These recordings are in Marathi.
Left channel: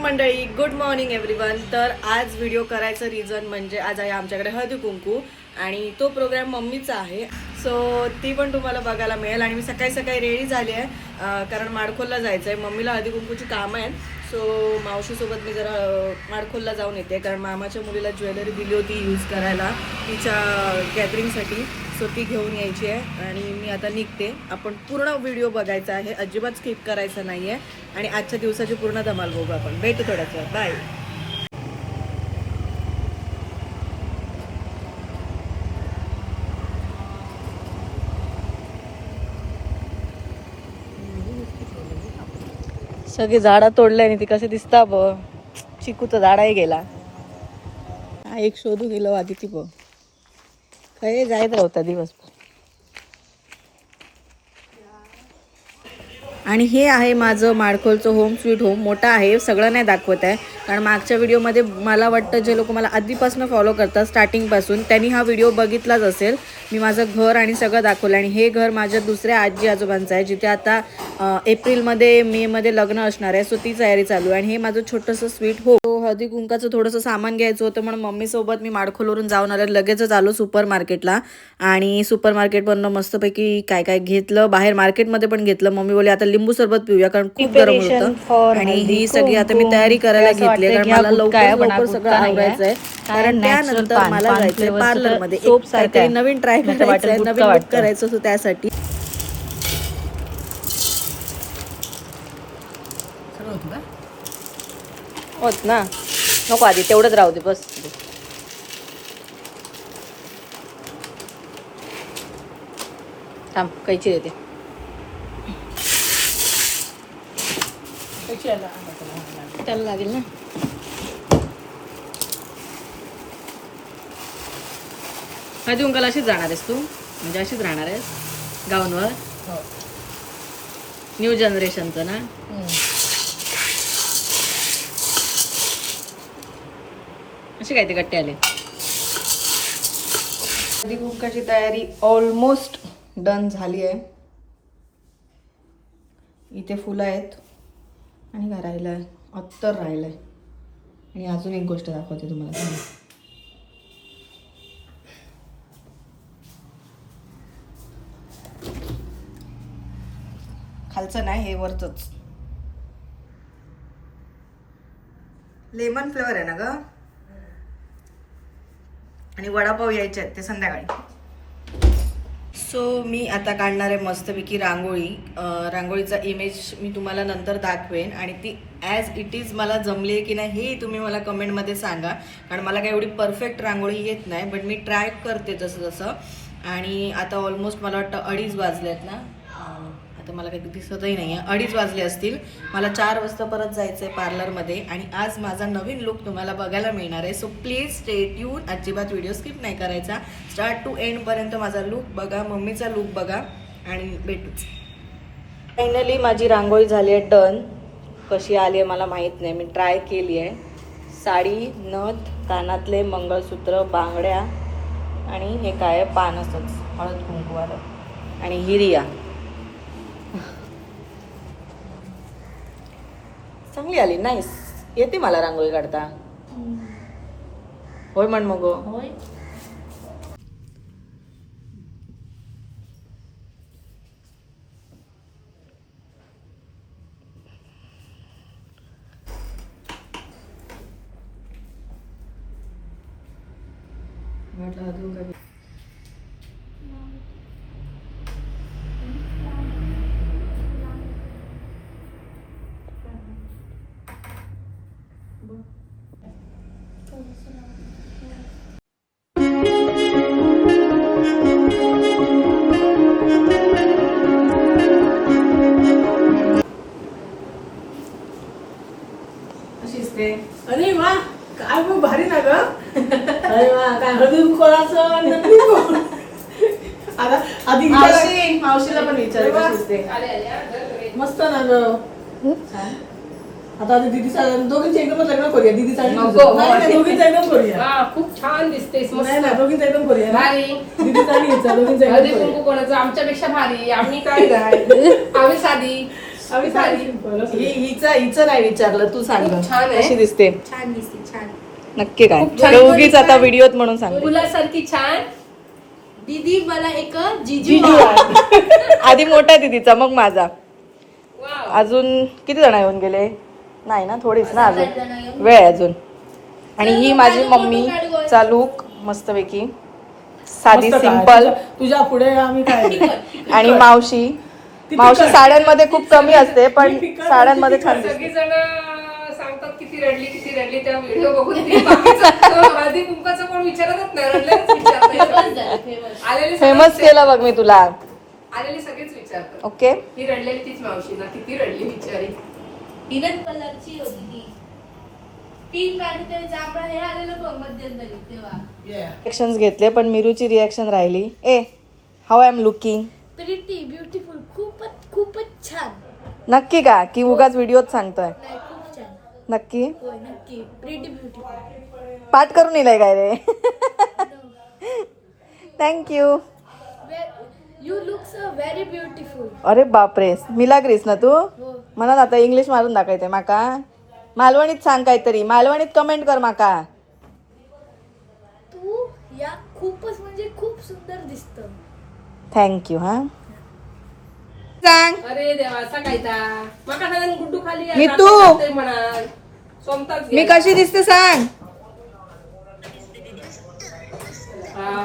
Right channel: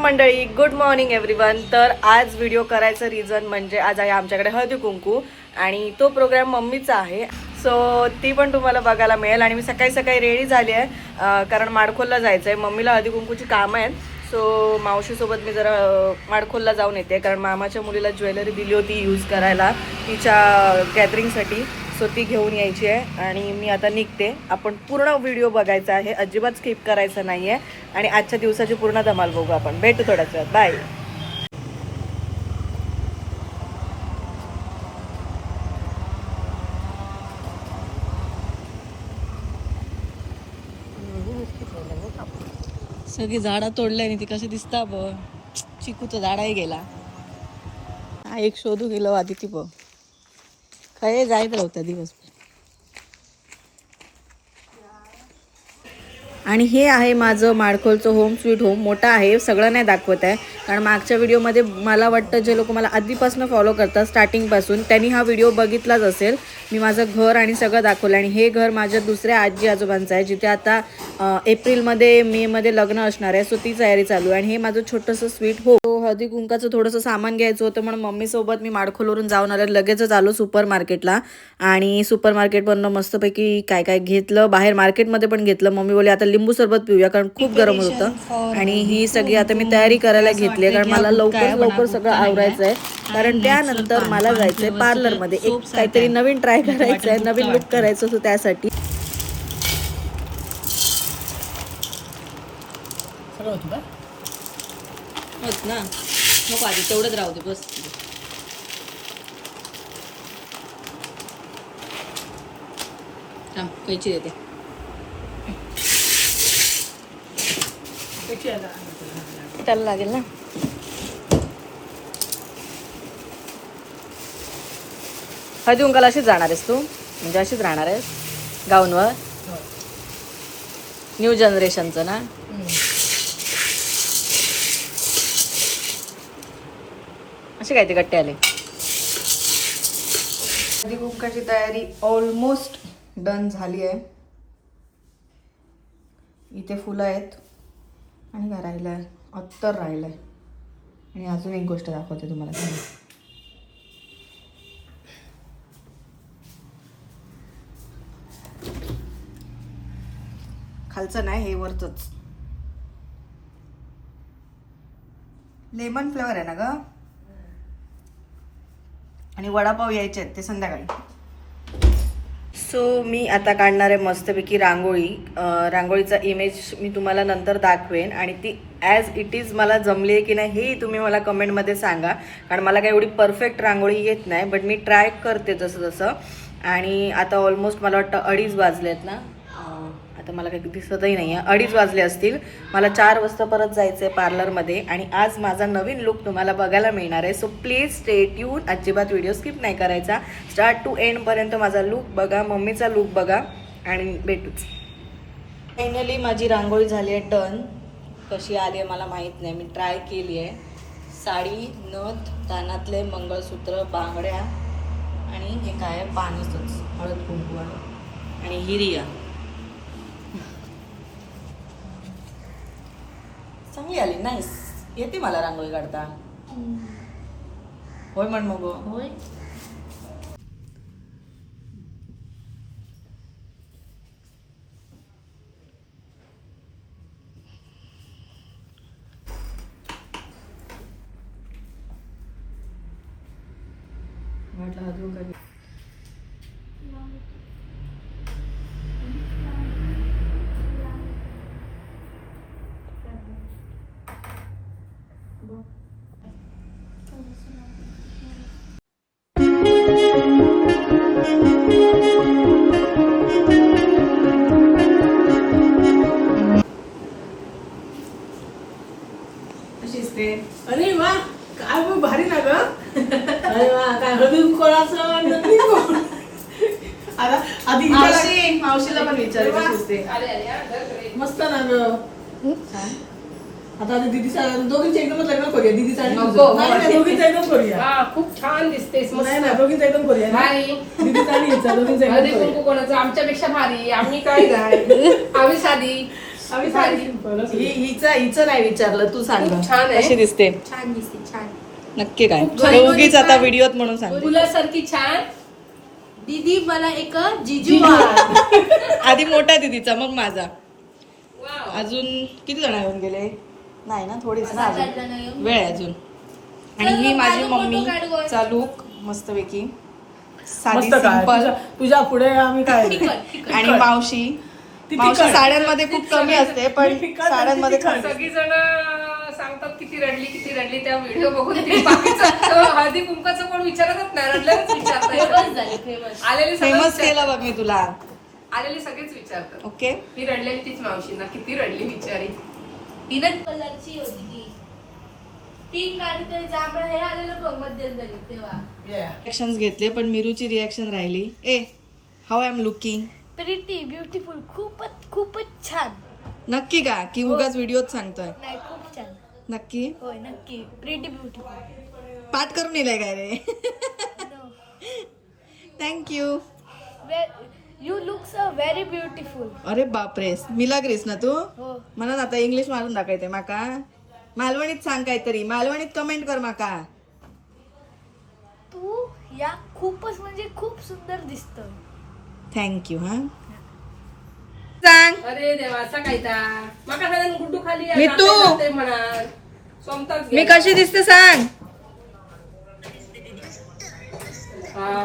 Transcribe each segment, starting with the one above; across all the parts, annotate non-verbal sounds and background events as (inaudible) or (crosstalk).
मंडळी गुड मॉर्निंग एव्हरीवन तर आज व्हिडिओ करायचं रिझन म्हणजे आज आहे आमच्याकडे हळदी कुंकू आणि तो प्रोग्राम मम्मीचा आहे. सो ती पण तुम्हाला बघायला मिळेल आणि मी सकाळी सकाळी रेडी झाली आहे. कारण माडखोलला जायचं आहे मम्मीला हळदी कुंकूची कामं आहेत. सो मावशीसोबत मी जरा माडखोलला जाऊन येते. कारण मामाच्या मुलीला ज्वेलरी दिली होती यूज करायला तिच्या गॅदरिंगसाठी सो ती घेऊन यायची आहे. आणि मी आता निघते. आपण पूर्ण व्हिडिओ बघायचा आहे. अजिबात स्किप करायचा नाही आहे आणि आजच्या दिवसाची पूर्ण धमाल बघू आपण. भेटू थोड्याच वेळात बाय सगळी झाडं तोडले आणि ती कसे दिसता ब. चिकूचं झाडाही गेला. हा एक शोधू गेलो आधी ती ब. काय जायत राहता दिवसभर. आणि हे आहे माझं माडखोलचं होम स्वीट होम मोठं आहे सगळं नाही दाखवत आहे. कारण मागच्या व्हिडिओमध्ये मला वाटतं जे लोक मला आधीपासून फॉलो करतात स्टार्टिंगपासून त्यांनी हा व्हिडिओ बघितलाच असेल. मी माझं घर आणि सगळं दाखवलं आणि हे घर माझ्या दुसऱ्या आजी आजोबांचं आहे जिथे आता एप्रिलमध्ये मेमध्ये लग्न असणार आहे. सो ती तयारी चालू आहे आणि हे माझं छोटंसं स्वीट होम हळदी कुंकाचं थोडंसं सामान घ्यायचं होतं म्हणून मम्मीसोबत मी माडखोलवरून जाऊन आले. लगेचच आलो सुपर मार्केटला. आणि सुपर मार्केटमधनं मस्तपैकी काय काय घेतलं बाहेर मार्केटमध्ये पण घेतलं. मम्मी बोलली आता लिंबू सरबत पिऊया कारण खूप गरम होतं. आणि ही सगळी आता मी तयारी करायला घेतली कारण मला लवकर लवकर सगळं आवरायचं आहे कारण त्यानंतर मला जायचंय पार्लरमध्ये एक काहीतरी नवीन ट्राय करायचं आहे नवीन करायचं होतं त्यासाठी. होत ना. नको आधी तेवढंच राहू दे बस. थांब कैची देते. त्याला लागेल ना. हळदी कुंकाला अशीच जाणार आहेस तू? म्हणजे अशीच राहणार आहेस? गाऊनवर? न्यू जनरेशनचं ना? कसे काय ते गट्टे आले? हळदी कुंकाची तयारी ऑलमोस्ट डन झाली आहे. इथे फुलं आहेत आणि काय राहिलं आहे अत्तर राहिलं आहे आणि अजून एक गोष्ट दाखवते तुम्हाला खालचं नाही हे वरचंच. लेमन फ्लेवर आहे ना ग? आणि वडापाव यायचे आहेत ते संध्याकाळी. सो मी आता काढणार आहे मस्तपैकी रांगोळी. रांगोळीचा इमेज मी तुम्हाला नंतर दाखवेन आणि ती ॲज इट इज मला जमली आहे की नाही हेही तुम्ही मला कमेंटमध्ये सांगा. कारण मला काही एवढी परफेक्ट रांगोळी येत नाही बट मी ट्राय करते जसं जसं आणि आता ऑलमोस्ट मला वाटतं अडीच वाजले आहेत ना. आता मला काही दिसतही नाही आहे अडीच वाजले असतील. मला चार वाजता परत जायचं आहे पार्लरमध्ये आणि आज माझा नवीन लुक तुम्हाला बघायला मिळणार आहे. सो प्लीज स्टे ट्यून अजिबात व्हिडिओ स्किप नाही करायचा. स्टार्ट टू एंडपर्यंत माझा लुक बघा. मम्मीचा लुक बघा. आणि भेटूच. फायनली माझी रांगोळी झाली आहे. डन कशी आली आहे मला माहीत नाही. मी ट्राय केली आहे. साडी नथ कानातले मंगळसूत्र बांगड्या आणि हे काय आहे? पानसच. हळद कुंकवाला आणि हिरिया चांगली आली नाईस येते मला रांगोळी काढता. होय म्हण मग. होय. म्हटलं अजून काही. अरे वा काय मग भारी ना ग. अरे वा काय हळदी कोणाचं? आता आधी मावशीला पण विचारायचं मस्त ना ग. आता आधी दीदी दोघींचे एकदमच लग्न करूया. दीदी नको, नको. दोघींचं एकदम करूया. हा खूप छान दिसतेस नाही मस्त. ना दोघींचं एकदम करूया भारी. दीदी चांगली आहे, दोघींचं एकदम हळदी करूया. कुंकू कोणाचं. आमच्यापेक्षा भारी. आम्ही काय काय आम्ही साधी. आम्ही. हि- हिचं हिचं नाही विचारलं. तू सांग. खूप छान आहे. कशी दिसते. छान दिसते छान. नक्की काय? खूप छान. हे उगीच आता व्हिडिओत म्हणून सांग फुलासारखी छान. दीदी मला एक जिजू जिजू. आण. आधी मोठा दिदीचा मग माझा. वाव. अजून किती जण येऊन गेले? नाही ना थोडीच ना अजून. येऊन वेळ आहे अजून. आणि चल ही माझी मम्मी. चालूक मस्तपैकी साधी. सिंपल तुझ्या- पुढे आम्ही. आणि मावशी ती मावशी. साड्यांमध्ये खूप कमी असते पण साड्यांमध्ये जण सांगतात किती रडली किती रडली त्या व्हिडिओ बघून हळदी कुंकाचं कोण विचारतच नाही आलेले (laughs) फेमस केलं बघ मी तुला. आलेले सगळेच विचारतात. ओके. ती रडलेली तीच मावशी ना किती रडली बिचारी तीनच कलरची होती ती. तीन हे आलेलं बघ मध्यंतरी तेव्हा. घेतले पण मिरूची रिएक्शन राहिली. Hey how I am looking pretty beautiful खूपच खूपच छान. नक्की का? की उगाच व्हिडिओत सांगतोय. नाही खूप छान. नक्की? होय नक्की. प्रिटी ब्युटिफुल पाठ करून येलाय काय रे? Thank you you look so very beautiful अरे बापरे मिलाग्रीस ना तू? हो. म्हणा आता इंग्लिश मारून दाखवते माका. मालवणीत सांग काहीतरी. मालवणीत कमेंट कर माका. तू या खूपच म्हणजे खूप सुंदर दिसतोय थँक्यू हा. सांग. अरे देवाचा कायदा माका सांगा गुड्डू खाली मी तू. म्हणा सोमताच मी. कशी दिसते सांग.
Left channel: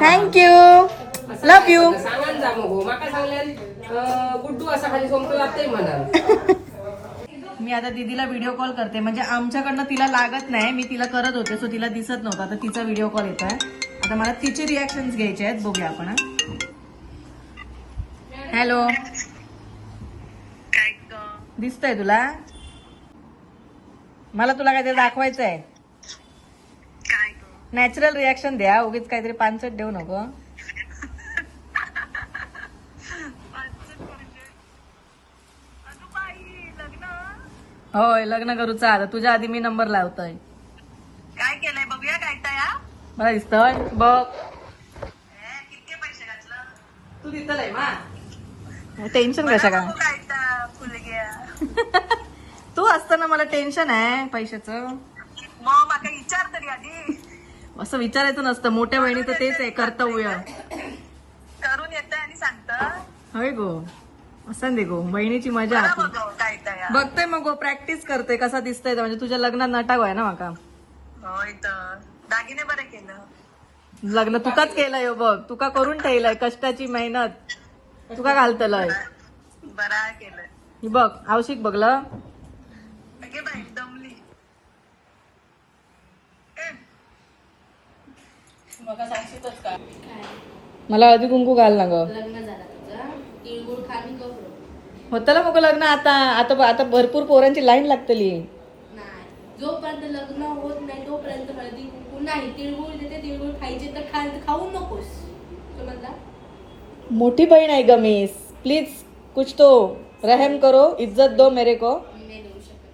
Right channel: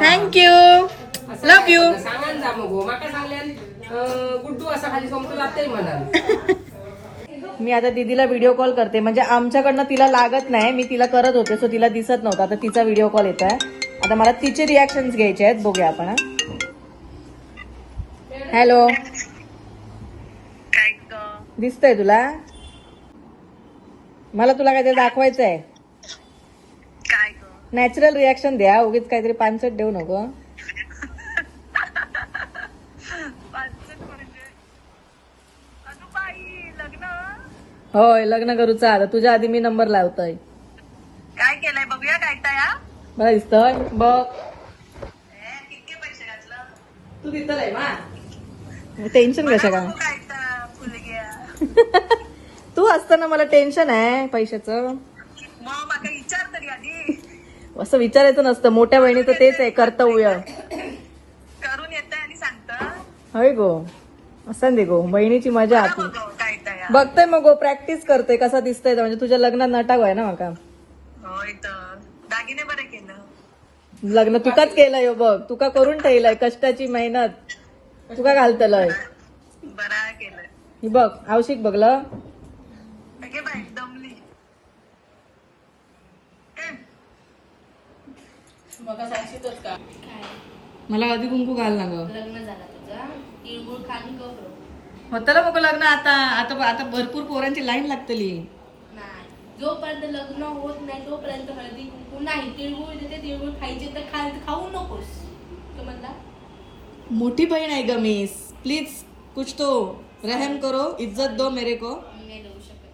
थँक्यू असं लव काय यू? सांगान जा मग हो. माका सांगल्यान अं, गुड्डू असा खाली सोमतो जाते म्हणाल. (laughs) मी आता दीदीला व्हिडिओ कॉल करते. म्हणजे आमच्याकडनं तिला लागत नाही. मी तिला करत होते सो तिला दिसत नव्हतं. आता तिचा व्हिडिओ कॉल येत आहे आता मला तिचे रिॲक्शन घ्यायचे आहेत. बघूया आपण हॅलो दिसतंय तुला? मला तुला काहीतरी दाखवायचं आहे नॅचरल रिॲक्शन द्या. उगीच काहीतरी पानसट देऊ नको. होय लग्न करूचा आता तुझ्या आधी मी नंबर लावतोय. काय केलंय? बघूया काय काय हा? मला दिसतोय. बघ. ए, किती पैसे घातलं. तू दिसतलंय मा. टेन्शन कशा का? बघू काय तर फुलग्या (laughs) तू असताना मला टेन्शन आहे पैशाचं. मग माका विचार तरी आधी. असं विचारायचं नसतं. मोठ्या बहिणीचं तेच आहे कर्तव्य करून येतंय आणि सांगतं. होय गो. असं दे गो. बहिणीची मजा आती. बघू हा. बघतोय मग गो प्रॅक्टिस करतोय कसा दिसतोय तो. म्हणजे तुझ्या लग्नात नटाग आहे ना माका? होय तर दागिने बरं केलं. लग्न तुकाच केलंय हो बघ. तुका करून ठेवलंय कष्टाची मेहनत. तुका घालतलंय. बरा केलं ही बघ आवशिक बघलं अगे बाई दमली. हं. मला आधी कुंकू घाल ना ग. लग्न झालं तुझा तिळगुळ खाली गप्र होतं ना मग लग्न आता आता आता भरपूर पोरांची लाईन लागतली. नाही. जोपर्यंत लग्न होत नाही तोपर्यंत हळदी कुंकू नाही. तिळगुळ देते तिळगुळ खायचे तर खा खाऊ नकोस. समजला मोठी बहीण आहे ग मिस प्लीज कुछ तो रहम करो इज्जत दो मेरे को. नाही देऊ शकत.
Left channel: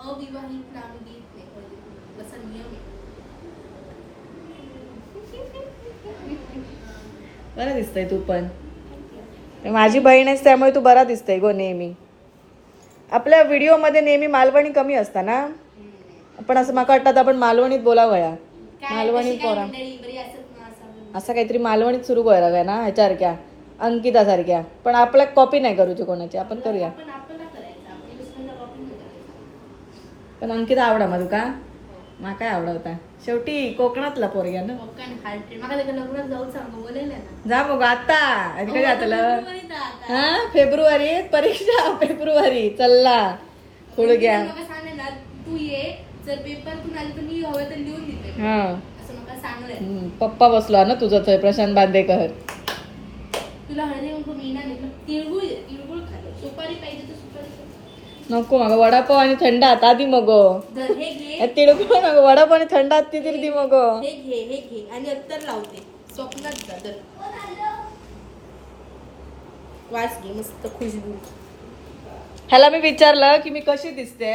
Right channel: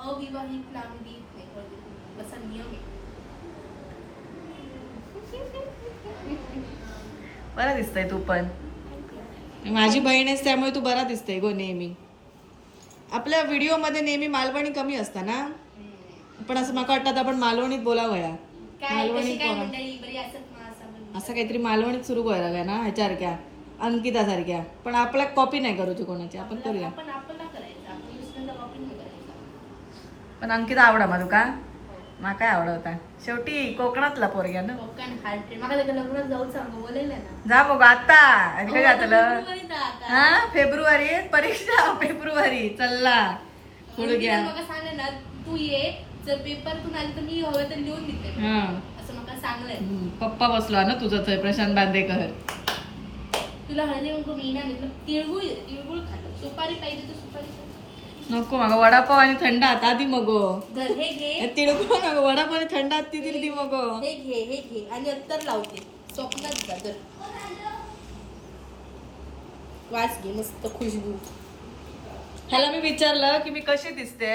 अविवाहित नाम देत नाही हळदी कुंकू असा नियम आहे. बरा दिसतंय तू पण. माझी बहीण आहेस त्यामुळे तू बरा दिसतंय गो नेहमी. आपल्या व्हिडिओमध्ये नेहमी मालवणी कमी असता ना? पण असं मला वाटतं आपण मालवणीत बोलावं या काय मालवणी कशी काय पोरा. मंडळी? बरी असत ना असं? काहीतरी मालवणीत सुरू करायला काय ना ह्याच्यासारख्या अंकितासारख्या. पण आपल्या कॉपी नाही करूची कोणाची आपण करूया. पण अंकिता आवडा मला का मा काय आवडा होता शेवटी कोकणातला पोरग्या ना. कोकण लग्नात जाऊ सांग बोलायला ना. जा मग आता. घातलं? फेब्रुवारीत आता. हा? फेब्रुवारीत परीक्षा फेब्रुवारी. चल्ला. थोडं घ्या. आणि मला सांग ना तू ये. जर पेपर तू आली तर मी हवं तर लिहून देते. हा. असं मला सांगलंय. पप्पा बसला ना तुझं तर प्रशांत बांदेकर. तुला हळदी कुंकू मी ना तिळगुळ तिळगुळ खाल्लं सुपारी पाहिजे तर सुपारी. नको मग वडापाव आणि थंड हात आधी मग. हे नको वडापाव आणि थंड हात ती दी मग. हे घे हे घे. आणि अत्तर लावते स्वप्नात जा तर वास घे मस्त खुशबू. ह्याला मी विचारलं की मी कशी दिसते?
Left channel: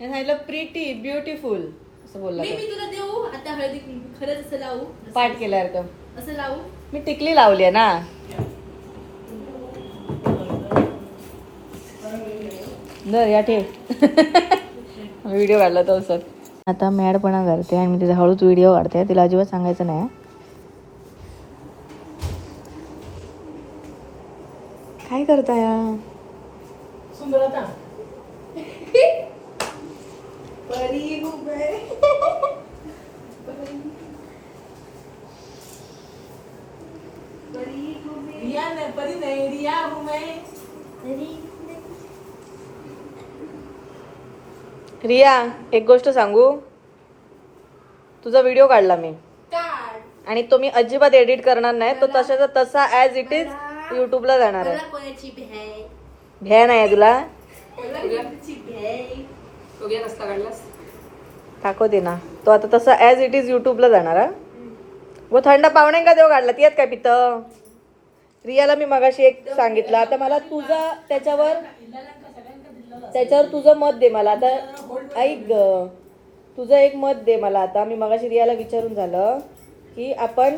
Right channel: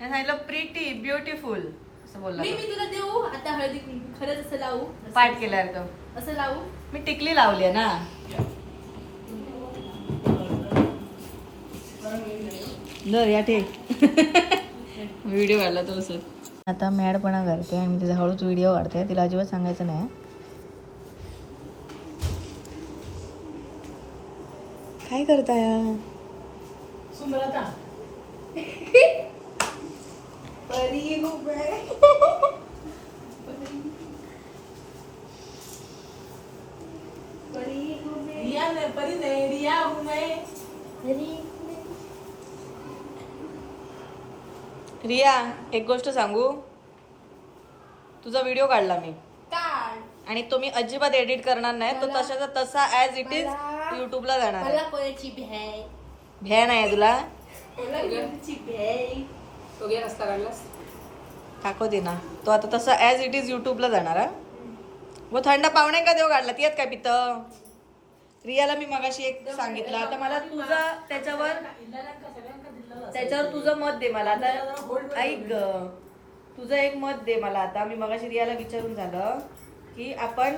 सांगितलं प्रिटी ब्युटिफुल असं बोलला. मी. मी तुला देऊ? आता हळदी खरंच असं लावू? पाठ केलाय तो असं लावू? मी टिकली लावली ना. दर या ठे व्हिडिओ काढला तो सर आता मॅडपणा करते आणि मी तिचा हळूच व्हिडिओ काढते. तिला अजिबात सांगायचं नाही काय करताय? सुंदरता. रिया नाही परी नाही रिया एक गोष्ट सांगू? तुझा व्हिडिओ काढला मी. काढ. आणि तो मी अजिबात एडिट करणार नाही. तो तशाचा तसा ऍज इट इज युट्यूबला जाणार आहे. मला कोणाची भ्याय? भ्या नाही आहे तुला. मला कोणाची भ्याय? बघूया नसता काढलास. टाको दे ना. तो आता तसा ऍज इट इज युट्यूबला जाणार हा? व थंड पाहुणे का देव काढला? ती आहेत काय पित? रियाला मी मगाशी एक सांगितलं. आता मला तुझा त्याच्यावर त्याच्यावर तुझं मत दे मला. आता ऐक ग. तुझं एक मत दे मला आता. मी मगाशी रियाला विचारून झालं की आपण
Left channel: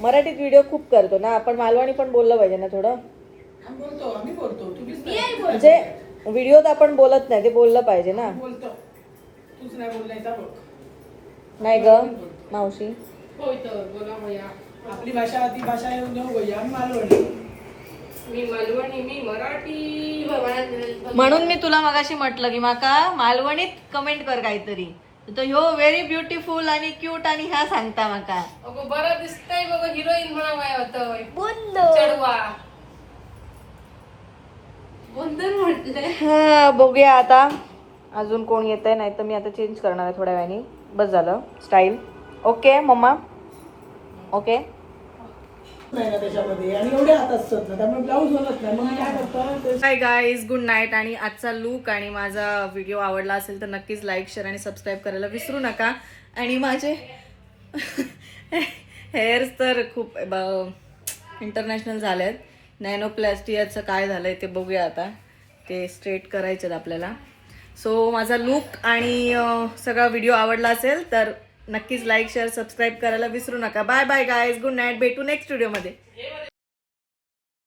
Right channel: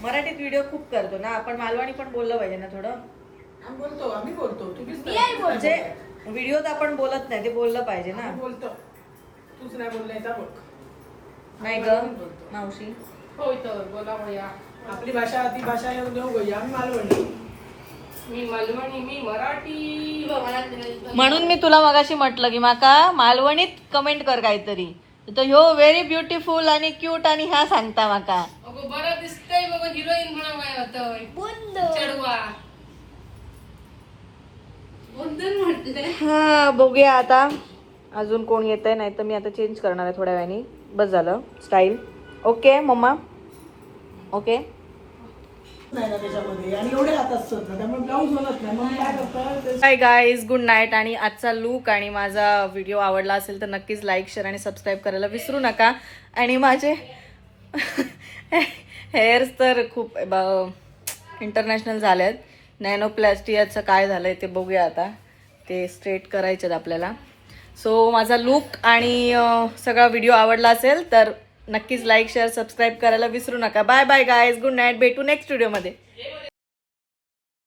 मराठीत व्हिडिओ खूप करतो ना. आपण मालवणी पण बोललं पाहिजे ना थोडं? आम्ही बोलतो. आम्ही बोलतो. तुम्हीच मी आहे नाही म्हणजे व्हिडिओत आपण बोलत नाही. ते बोललं पाहिजे ना. आम्ही बोलतो. तूच नाही नाही ग मावशी. होय तर. बोला भैया. आपली भाषा ती भाषा येऊन देऊ भैया. आम्ही मालवणी मी मालवणी मी मराठी मला म्हणून मी तुला मगाशी म्हटलं की माका मालवणीत कमेंट कर काहीतरी. तर ह्यो व्हेरी ब्युटिफुल आणि क्यूट आणि ह्या सांगता माका. अगो बरं दिसतंय बघ हिरोईन म्हणा काय होतं चढवा. हा बघूया आता. अजून कोण येत आहे नाही तर मी आता चेंज करणार आहे थोड्या वेळाने. बस झालं. स्टाईल ओके मम्मा. ओके नाही ना त्याच्यामध्ये. आणि एवढे हात असतात ना त्यामुळे ब्लाऊज होत नाही. मग मी काय करतो? हाय गाईज गुड नाईट आणि आजचा लूक आणि माझा व्हिडिओ आवडला असेल तर नक्कीच लाईक शेअर आणि सबस्क्राईब करायला विसरू नका. आणि माझे हेअर्स तर खूप इंटरनॅशनल झाले आहेत नॅनोप्लॅस्टियाचं काय झालंय ते बघूया आता. ते स्ट्रेट करायचे आहेत आपल्याला. सो माझा लूक आणि सगळा व्हिडिओ आवडला असेल तर नक्कीच लाईक शेअर सबस्क्राईब करायला विसरू नका. Bye bye guys good night भेटू नेक्स्ट व्हिडिओमध्ये